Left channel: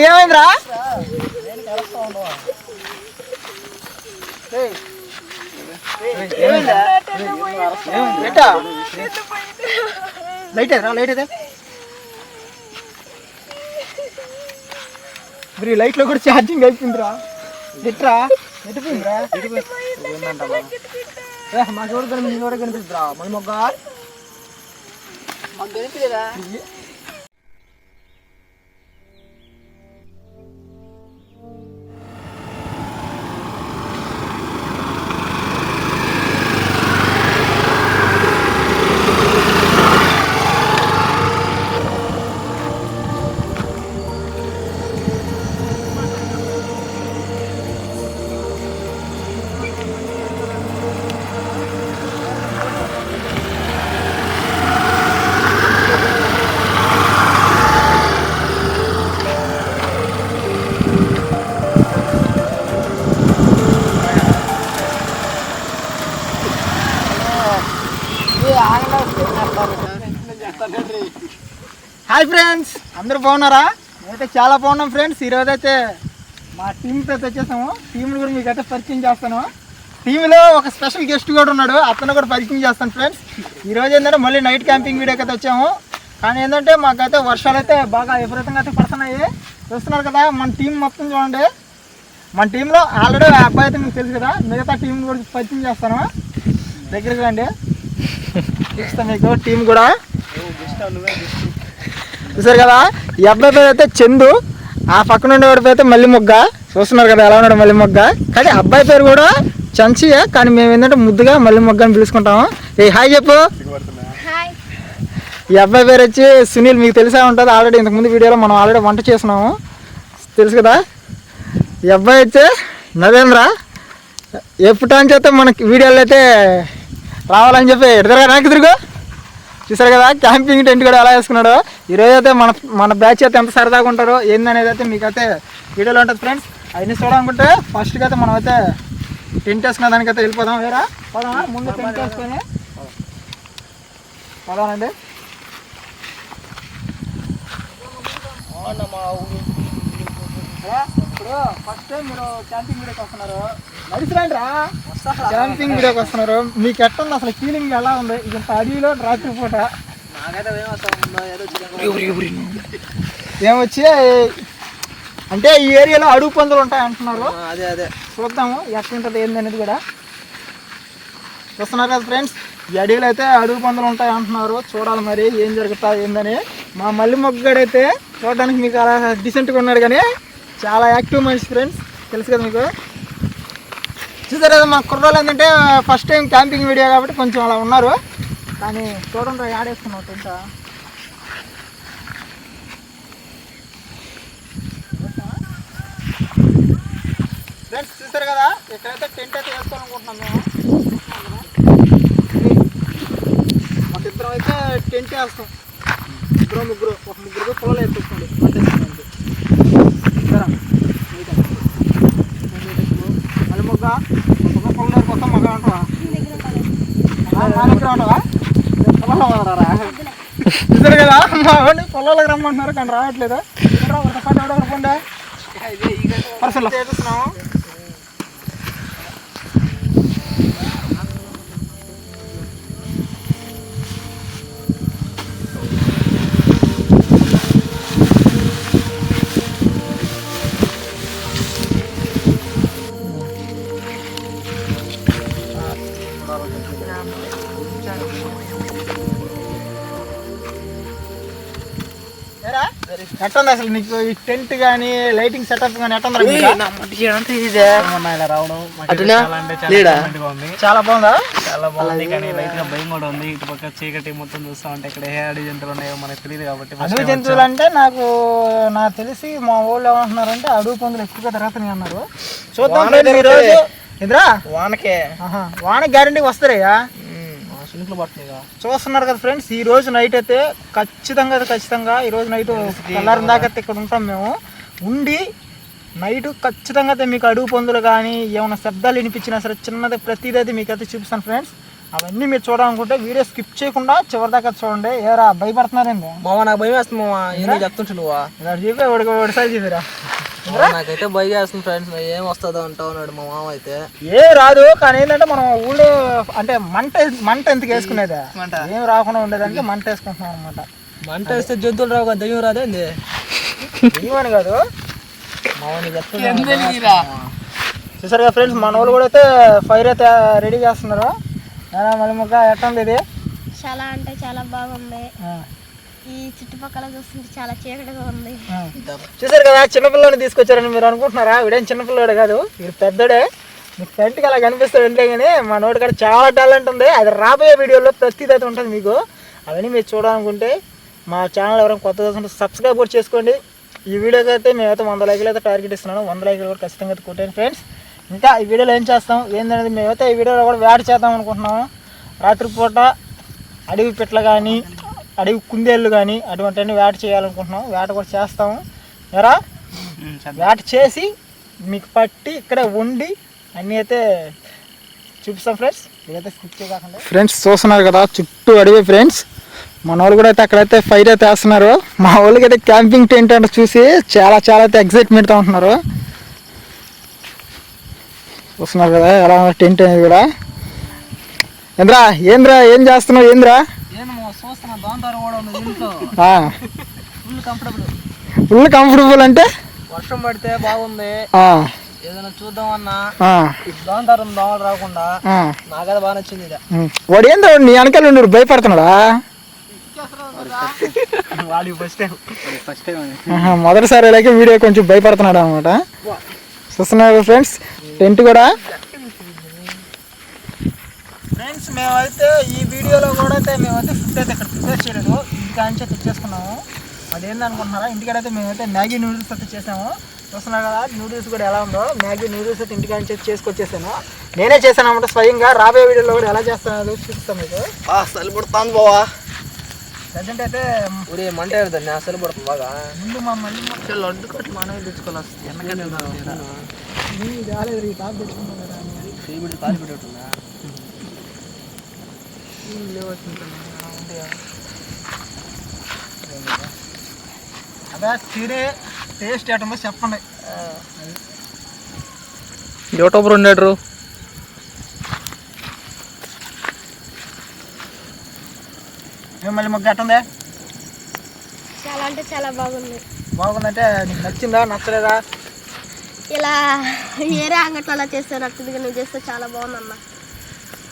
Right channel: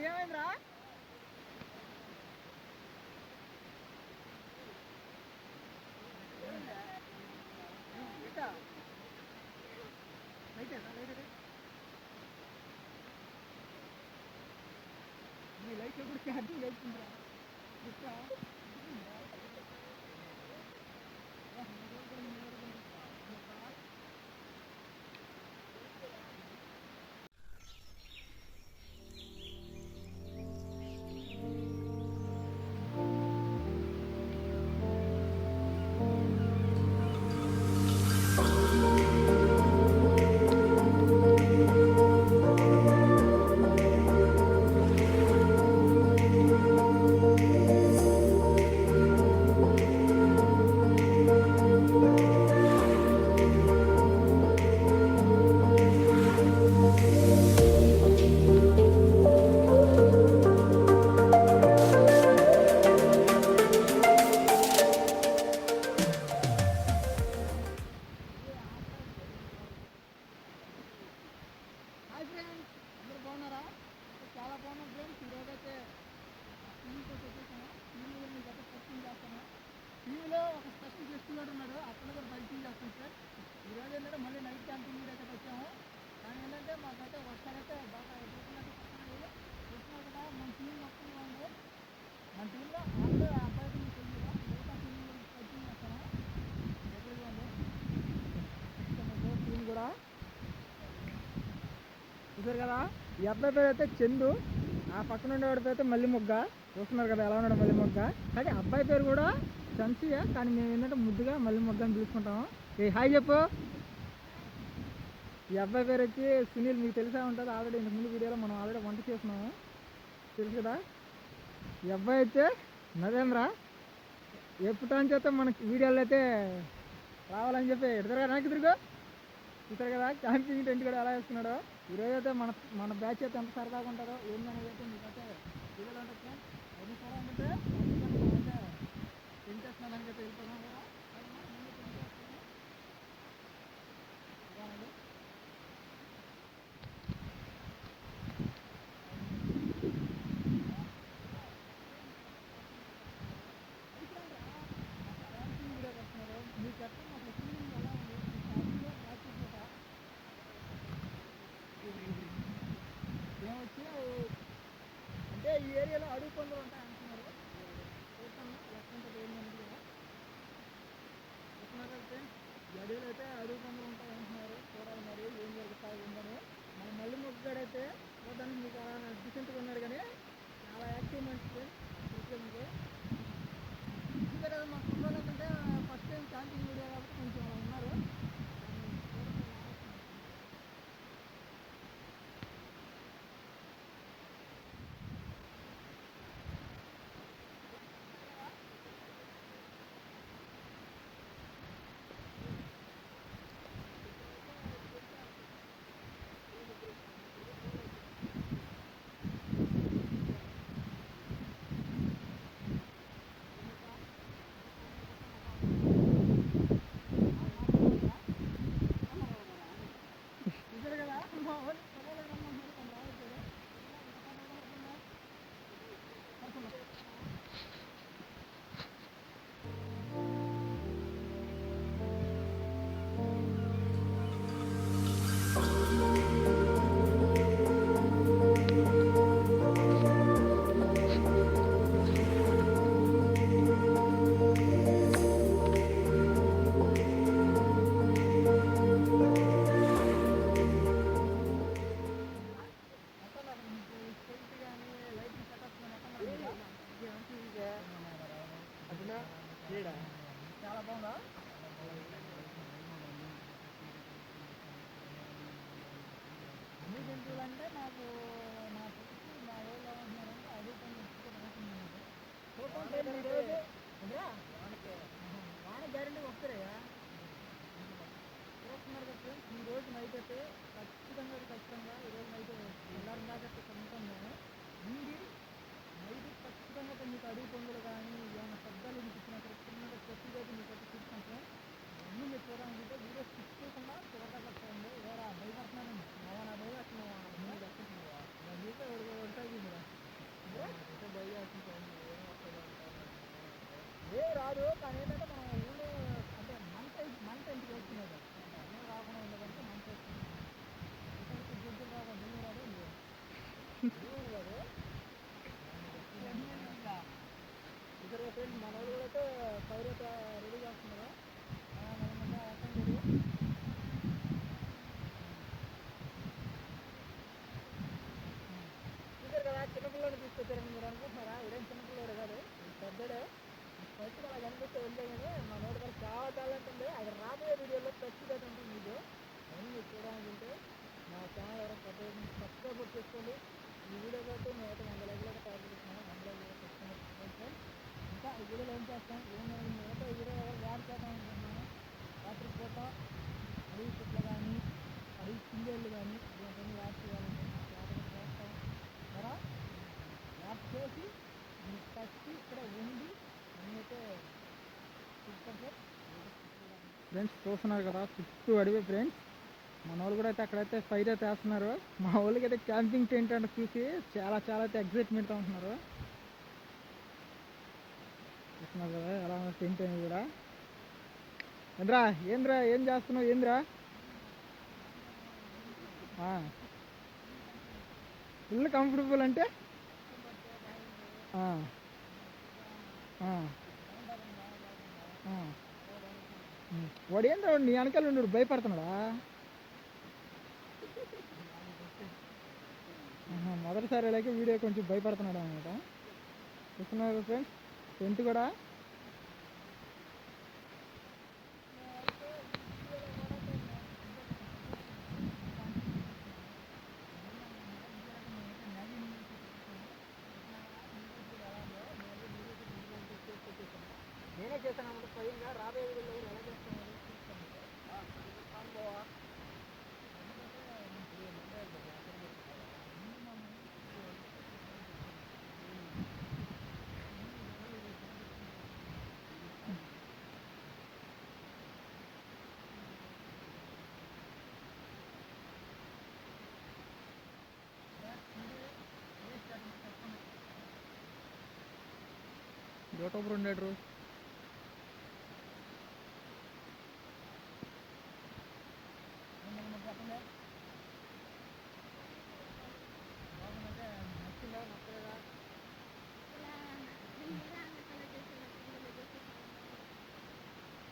ఏమైందిరా? లైట్ రా లైట్ అయితే మరి లైట్లో కూడా ఛార్జింగ్ అయిపోయిందిరా. ఎట్రా? ఎటుపోయిందిరా? ఏ, మాకు ఎవరు కనిపి ఎవరు కనిపిస్తుందిరా మన మొగ్గ మాకు తెలియదా హాయ్ ఫ్రెండ్స్ అందరూ బాగున్నారా? అయితే చాలా బాగున్నాం ఫ్రెండ్స్ ఈరోజు అయితే మా టీంతో అయితే వచ్చేసాము. టీంలు కూడా మీకు అయితే పరిచయం చేస్తాను. టీంలో ఒక స్పెషల్ గెస్ట్ కూడా ఉన్నాడు. అతను కూడా పరిచయం చేస్తాను ఫ్రెండ్స్ ఈరోజు ఏంటంటే మళ్ళీ నైట్ క్యాంపింగ్ వీడియోకి అయితే వచ్చాము. కానీ ఏంటంటే మాకైతే వర్షాలు అయితే బాగా విపరీతంగా అయితే పడుతున్నాయి. చూస్తున్నారు కదా మన టీం మొత్తం చూడండి. మన టీంలో ఆల్రెడీ అబ్బాయి అయితే మీకు తెలుసు కదా. మిగతా టీం కూడా పరిచయం చేస్తాను. దగ్గరికి రండి. చూస్తాను మీకు టీం కూడా. చూసారు కదా? ఈ అబ్బాయి పేరు అయితే చందు. ఆ పక్కన ఉండేవాడి పేరు అయితే మల్లి మొగ్గ చూస్తున్నారు కదా ఎలా ఉన్నాడు మల్లి మొగ్గ కానీ అబ్బాయి పేరు కూడా చంచియే కానీ మేము ఏంటంటే ముద్దుగా మల్లి మొగ్గ అని పిలుచుకుంటాము. ఏ హాయ్ చెప్పు. ఈ అబ్బాయి పేరు వచ్చి సునీల్ మీకు తెలిసే ఉంటుంది. ఆల్రెడీ ఇంతకుముందు వీడియోలో మనం ఆల్రెడీ వంట చేస్తున్నాము తెలుసు కదా? ఈ అబ్బాయి అయితే నరేంద్ర. ఎప్పుడు అని చేస్తే మనకి వీడియోలో అయితే రావాలని చెప్పి ఎడతారా నాకు తిరుగు? చూసారు కదా? క్యాంపింగ్ టెంట్ కూడా ఎలా వేసుకున్నాడో. ఈరోజు అయితే మన మన బ్యాచ్ అయితే ఎంత సరదాగా ఉంటారో ఏందనేది అయితే మీకు అయితే వీడియోలో ఉంటుంది ఫ్రెండ్స్ అవన్నీ చూడాలనుకుంటే ఫస్ట్గా అయితే మనం అయితే టెంట్ వేసుకున్న దానికైతే వెళ్ళిపోదాం. వేరా? పోదామా? ముందు టెంట్ వేసుకొని. పోదామండి ఇప్పుడు ఫస్ట్ టైం మీరు క్యాంపింగ్ వీడియోకి వస్తున్నారు. క్యాంపింగ్ వీడియోకి వస్తున్నారు. మీకు ఎట్టుంది అసలు ఫీలింగ్ ఎలా ఉంది? ఇది అడవిలో రాత్రి పూట. ఏమొచ్చి? అంటే ఈ ఏరియాలో అడుగు పందులు ఉంటాయి అంటున్నారు అదే అదే. చూద్దాము ఎట్లుంటుంది ఏంది అనేది కూడా. చూస్తున్నారు కదా ఫ్రెండ్స్ ఈ అడవిలో అయితే అడుగు పందులు ఉంటాయి అంటున్నారు చూడాలి మరి ఏం జరుగుతా ఏందని. మా మల్లి మొగ్గడైతే చూడడానికి మీకు అలా డీసెంట్గా ఉన్నాడు కానీ చాలా యాక్టివ్ మనిషి ఫ్రెండ్స్ తెలుసు కదా మీకు? చూసారు కదా మా కుర్రోళ్ళు ఏంటంటే ఫస్ట్ టైం క్యాంపింగ్ వీడియో కాబట్టి కొంచెం అలా ఉన్నారు. కానీ చూడండి రా, ఆడేస్తున్నావు టెంట్ ఫ్రెండ్స్ చూసారు కదా ఇక్కడైతే టెంట్ అయితే వేసుకోవాలనుకుంటున్నాం మేము. మాకు ఇద్దరం అయితే టెంట్ వేస్తాం. ఇద్దరు ముగ్గురు ఒక ముగ్గురు పొలాలు వేసుకోండి మళ్ళీ మొగ్గ ఒక పొలం కోసం మగ అంటావా మా దగ్గర ఉంటావా చూసారు కదా? మా వాడిని పొలాలకు రమ్మంటున్నారు కానీ రావట్లేదు? పోండి ఎట్టుంది అసలు నీకు ఈ టెంట్ కానీ లైటింగ్ సెటప్ కానీ ఎట్టుంది లేడా? చాలా బాగుందా? చాలా బాగుంది కానీ లైట్గా భయం కూడా ఉంది. ఇటు పక్క చీకటి మొత్తం చూస్తా ఉంటే ఇక్కడ ఏ అడవి జంతువులు ఉన్నాయో మనకు తెలియదు కాబట్టి అడవి జంతువులు అంటే నాకు నాకు తెలిసి మా ఊళ్ళో ఏమంటున్నారంటే అడవి పందులు ఎక్కువగా తిరుగుతున్నాయి అన్నారు. చూద్దాం వానకే ఆహా, వాన గ్యారంటీ వస్తారయ్యా. చినుకులు పడుతుంది చూస్తున్నారు కదా ఫ్రెండ్స్ ఈ రోజు నైట్ అయితే ఖచ్చితంగా ఖచ్చితంగా ఈ రోజు నైట్ తెల్లారిన దాకా అయితే ఇక్కడ ఉంటాం మేము. ఉండి నైట్ ఖచ్చితంగా అయితే మీకు అడుగు పందులు కానీ ఏమైనా శబ్దాలు వినిపించినా సరే చిన్నది ప్రతిదీ అయితే మీకు అయితే చూపిస్తాను ఫ్రెండ్స్. అవన్నీ మీరు చూడాలనుకుంటే వీడియో స్కిప్ చేయకుండా చివరి దాకా చూడండి. ఏరా భయపడుతున్నారండి మామ నాకు భయం వేస్తుంది మామ ఎందుకు చెప్తుంటు నువ్వా? ఇలా నాకైతే భయం వేస్తుంది ఫ్రెండ్స్ ఏం వస్తుందో అంటా ఉన్నాడు మా మామ అయితే. ఏ రాదు కానీ ఏంటంటే మనం ఊళ్ళో అంటే మంట మంట ఎందుకు వేసుకునేది? ఏం రాకుండా ఉండేదానికి మంట వేసుకుంటున్నాం అనమాట మంట వేస్తే జంతువులు రావు కదా దయ్యం రాదేంది ఏమని కాదు. మామ నీకు చెప్తున్నా చూసారుగా ఫ్రెండ్స్ మన వాళ్ళు కూడా అయితే ఫైర్ అయితే రెడీ చేస్తున్నారు. మళ్ళీ ముక్క ఎట్టుంది ఇది? చాలా అంటే చాలా బాగుంది. ఆ, ఈ చుట్టుపక్కల చూస్తుంటే చాలా చీకటిగా ఉంది. చూసారు కదా చిన్నపిల్లని తీసుకొచ్చారని మీరు అనుకుంటున్నారా? వీడేం చిన్నపిల్లడు కాదు వీడు పెద్దడే. మీకు ఫ్రెండ్కి అలా కనిపిస్తాడు అంటే కానీ మా నోటి కాడ చాలా టాలెంట్ ఉంది. అది రాబోయే వీడియోలో ప్రతిదీ అయితే ఉంటుంది మీకు. అవన్నీ మీరు చూడాలనుకుంటే మా ఛానల్ ఎవరైనా కొత్త చూస్తుంటే సబ్స్క్రైబ్ కూడా చేసుకోండి. ఈ వీడియోకి అయితే మేమైతే వంద లైకులు అయితే టార్గెట్ ఇస్తున్నాను. వంద లైకులు కూడా ఖచ్చితంగా అయితే కొట్టాను ఫ్రెండ్స్. ఇంకా ఈ వీడియోలో ఏం చేస్తాం? ఏంటనేది మేమైతే ఈ వీడియోలో కూడా వేట చేద్దాం అనుకుంటున్నాము. రాత్రిపూట అడవి పిట్ల కానీ అడవి కుందేళ్ళు కానీ అటువంటివన్నీ వేట చేయాలనుకుంటున్నాం. వేట కూడా చేస్తాము. ఎరా? వేట చేసి మీకు పట్టి ఇక్కడ వండి అన్నీ అయితే చూపిస్తాం ఫ్రెండ్స్. ఇదైతే స్కిప్ చేయకుండా ఫ్రెండ్స్ చూస్తున్నారు కదా చుట్టూ అడవి ఫ్రెండ్స్. మన వాళ్ళు కూడా అయితే అక్కడైతే ఫైర్ అయితే వేస్తున్నారు. మా వాళ్ళకి అయితే క్యాంపింగ్ టెంట్ అంటే చూసి చాలా చాలా అయితే ఎగ్జైట్మెంట్తో ఉంటున్నారు. చూస్తున్నారు కదా ఎలా టెంట్ అనేది కూడా. ఏంద్రా? ఏంద్రా? ఏం చేస్తున్నావు? ఏంద్రా ఏంది మామ చూస్తున్నా దోంతారు కూడా ఉంది ఇంట్లో ఆ, ఫుల్ కంఫర్టబుల్ ఫుల్ కంఫర్టబుల్ అంటే? వర్షం పడితే బాగుంది. ఆ, ఏదైనా చూద్దామన్నా ఆ, దోంతారం దోమలు రాకుండా. నాకైతే బాగా నచ్చింది. వాడు ఏందో నీ వెనకాల ఉండి భయపడుతున్నాడా? వాడి ఫస్ట్ టైం ఫస్ట్ టైం మొదటిసారి ఇలాగే వీడియో కొంచెం భయపడుతున్నాడు అనమాట చూస్తున్నారు ఫ్రెండ్స్ టెంట్ కూడా ఫ్రెండ్స్ మేమైతే ఈ వీడియోలో కూడా అయితే మేమైతే ఫుడ్ అయితే ఇక్కడ ప్రిపేర్ చేయలేదు. ఇంటికాంచే తెచ్చేసుకున్నాము అదేందనుకుంటున్నారా ఇంటికాడైతే మేమైతే మ్యాగీ నూడిల్స్ అయితే చేసాము. చూస్తున్నారు కదా నూడిల్స్ కూడా ఎలా ఉందో. మ్యాగీ నూడిల్స్ అయితే ఇంటికాంచే చేసుకొచ్చేసాను. నేనే చేశాను అనమాట స్వయంగా. రాబోయే వీడియోలో కూడా ఎలా చేస్తానో చూపిస్తాను మీకు. సరిపడుతుంది బావా. ప్రజెంట్ అయితే ఊరే మంట ఏరుతుంది అసలు పడుతుంది బాగా. ముందు మా మళ్ళీ లడ్డు కట్టి మనమే తెచ్చుకోవాలి రాలేదు ఈ టాప్ కదా. చేయబడి కాలి అదే తినే టేస్ట్ చెప్పండి. యూట్యూబర్ ఉండేటరు ఏం మళ్ళీ మొగ్గ ఎట్టుందే? చాలా అంటే చాలా బాగుంది. బాగుందంటే నీకు నచ్చిందా నచ్చలేదా? ఇలా వేరే అంగట్లో చేస్తే నచ్చింది నువ్వు చేస్తే చాలా బాగుందన్న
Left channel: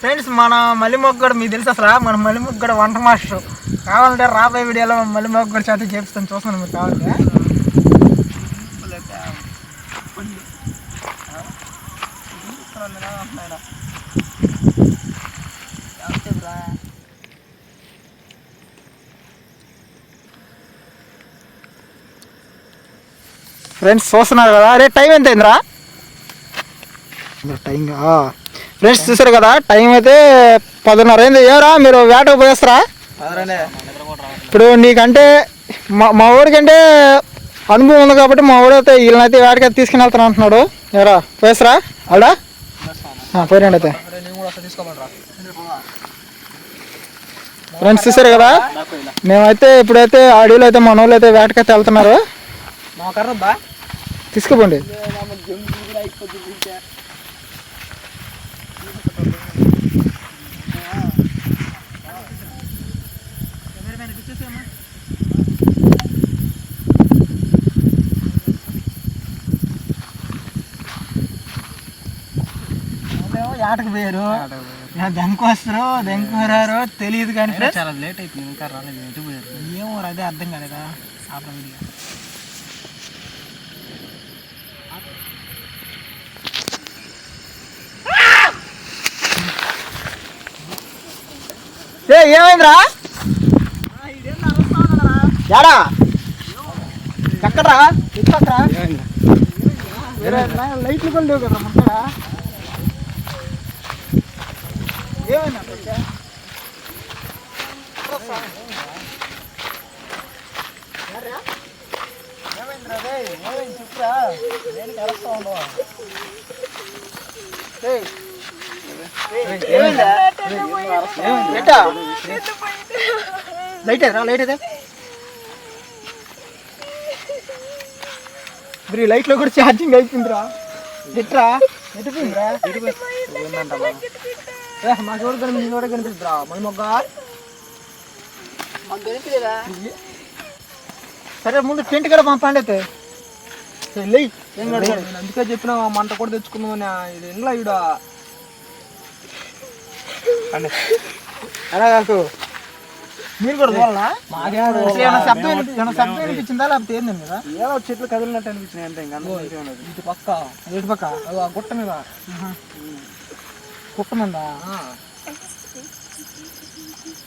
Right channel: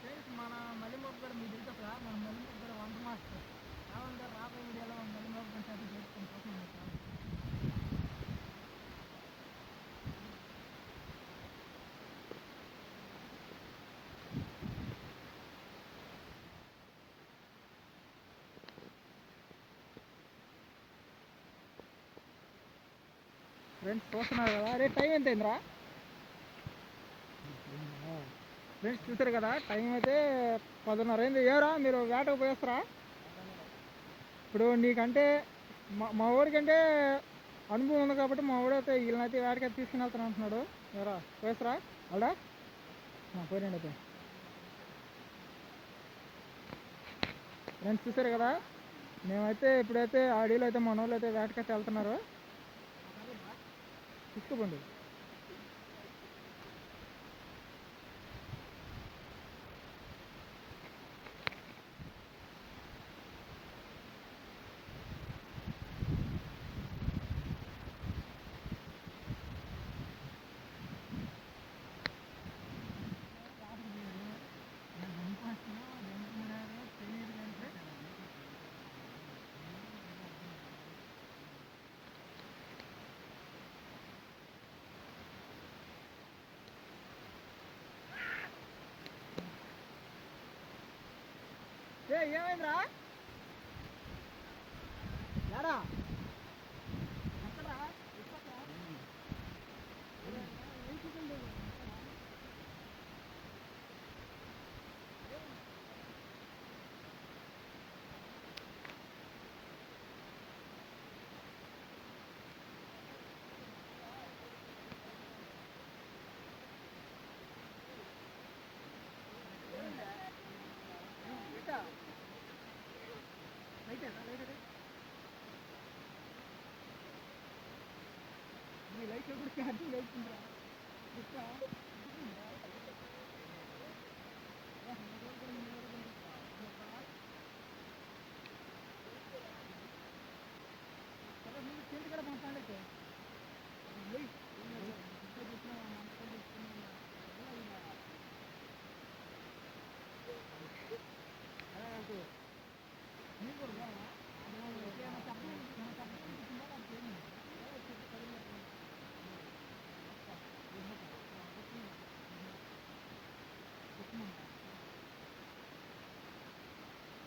ఫ్రెండ్స్ మన మల్లిమొగ్గడు మీకు తెలుసు అసలు? మన మల్లిమొగ్గడు వంట మాస్టర్. కావాలంటే రాబోయే వీడియోలో మల్లి మొగ్గడు చేత చేపిస్తాను. చూస్తాను మీరు కావాలంటే. ఫ్రెండ్స్ చూస్తున్నారు కదా? అరే టైం ఎంత అయిందిరా టైం ఫ్రెండ్స్ చూసారు కదా టైం అయితే పదున్నర అయింది. ఏరా మీరు వేటకు పోయేస్తారా? ఇప్పుడు నీకంటే మా మా ఊరికంటే అనుభవం ఉంది కాబట్టి మా ఊడైతే వీళ్ళనైతే వేటకి తీసుకుని వెళ్తాను అంటున్నాడు. ఏరా పోయేస్తారా? అలా పోయినండి అయితే. ఫ్రెండ్స్ చూసారు కదా మేమైతే ఇప్పుడైతే ఆడియోలో అయితే మన వాళ్ళు అయితే వేటకైతే వెళ్తున్నారు. తీసుకుపోండి. ఆటకు పోయారు దెంకు వస్తారు. దెంకు రారో తెలియదు కానీ. చాలా లేట్ అయిపోయింది. ఇంకా రాలేదు. ఎటు పోయారు? ఏమో రా, అదే అర్థం కాలేదా? ఆపరా వీడియో. ఏ ఏమైందిరా? యాడా? ఎక్కడ్రా? లై- లైట్లు కూడా లేవు కదా లైట్ రా లైట్ అయితే మరి లైట్లో కూడా ఛార్జింగ్ అయిపోయిందిరా. ఎట్రా? ఎట్టుపోయిందిరా ఏ, మా చూడ కనిపి కూడా కనిపిస్తుందిరా మన మొగ్గ మాకు కనిపించలేదా సరే ముందు టెంట్ కూడా పంపండి అయితే. సరే, లేయ్ ఏం కడతాడు నేను అందుకే చెప్పిన మంట కూడా తెచ్చుకుందామని. ఇది ఈడ? అలా కాకు. మీరు కూడా చూడాలా అసలు ఏమైనా శబ్దం వినిపి- ఏమైనా శబ్దం వినిపించిందా? లేకపోతే ఏంది కదా ఏదో చెట్లు కదిలినట్టు అనిపించినాయి అంతే ఇంకా. ఇటు పక్క. ఇటు పక్క. గుట్ట మీద. కుట్టమందా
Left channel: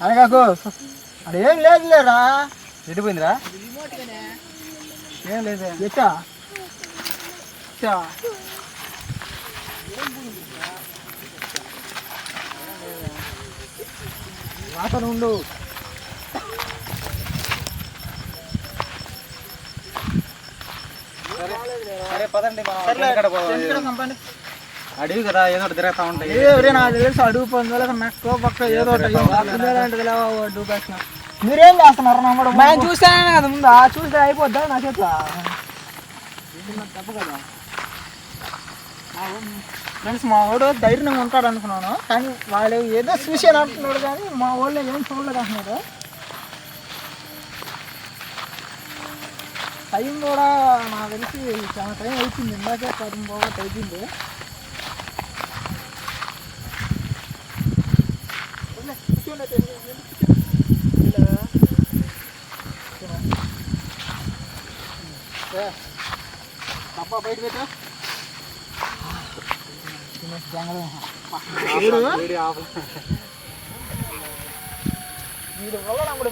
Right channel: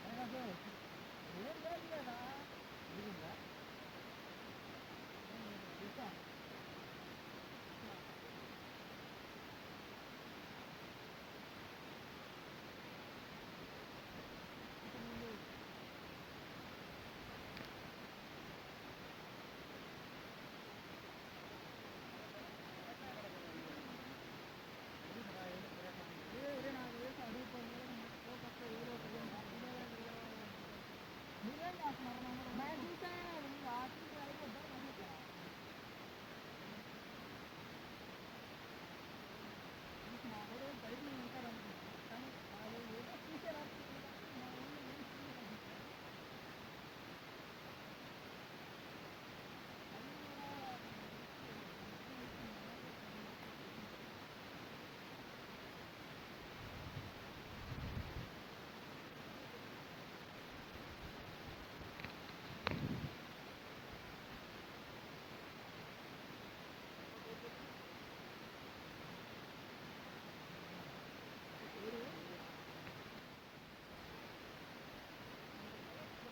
అదే కాకు అదేం లేదు లేరా ఎడిపోయిందిరా ఏం లేదే. ఎట్టా? ఎట్టా? వాసన ఉండు. సరే పదండి పంపండి. అడివి కదా ఏదో ఒకటి తిరుగుతా ఉంటాయి. ఏ ఎవరే నాకు తెలుసు అడుగు పొందలేక మెక్కో పక్క ఏదో ఒకటి అడుగు పెట్టిన మీరేం చేస్తున్నారు నమ్మడు నేను చూసానే కదా ముందా చూస్తే అయిపోద్దా నా చేత ఫ్రెండ్స్ మా వాడు ధైర్యంగా ఉంటాడు అనుకున్నాను కానీ వాడు ఏదో చూసాను అంటున్నాడు కానీ మా వాళ్ళు ఏం చూడలేదు అంటున్నారు. టైం కూడా నాకు తెలిసి చాలా టైం అయిపోయింది ఇందాకే పది బాగా అయిపోయింది. డబ్బా బయట పెట్టా. వీడు వల్ల కూడా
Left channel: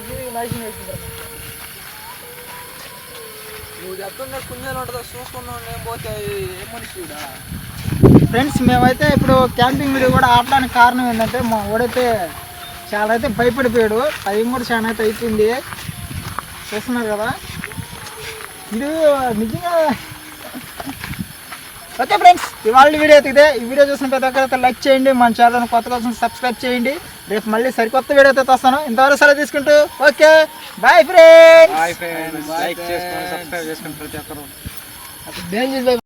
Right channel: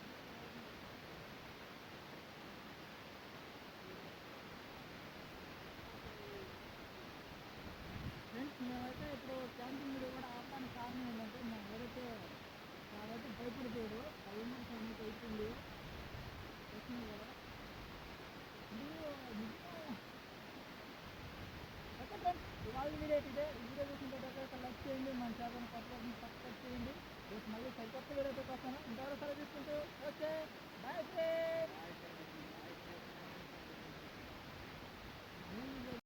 నువ్వు చెప్తున్నా కుందేలు ఉంటుందో చూసుకున్నావు నేను పోతే ఏం మనిషి ఈడ? ఫ్రెండ్స్ మేమైతే ఇప్పుడు క్యాంపింగ్ వీడియో కూడా ఆడడానికి కారణం ఏంటంటే మా వాడైతే చాలా అయితే భయపడిపోయాడు. టైం కూడా చాలా అయితే అయిపోయింది. చూస్తున్నారు కదా? ఇది నిజంగా ఓకే ఫ్రెండ్స్ ఇవాళ వీడియో అయితే ఇదే ఈ వీడియో చూసిన ప్రతి ఒక్కరైతే లైక్ చేయండి. మన ఛానల్ కొత్త కోసం సబ్స్క్రైబ్ చేయండి. రేపు మళ్ళీ సరికొత్త వీడియో అయితే వస్తాను. ఇంతవరకు సెలవు తీసుకుంటూ okay bye friends hi friends like చేసుకొని సబ్స్క్రైబ్ చేసుకొని ప్రతి ఒక్కరు.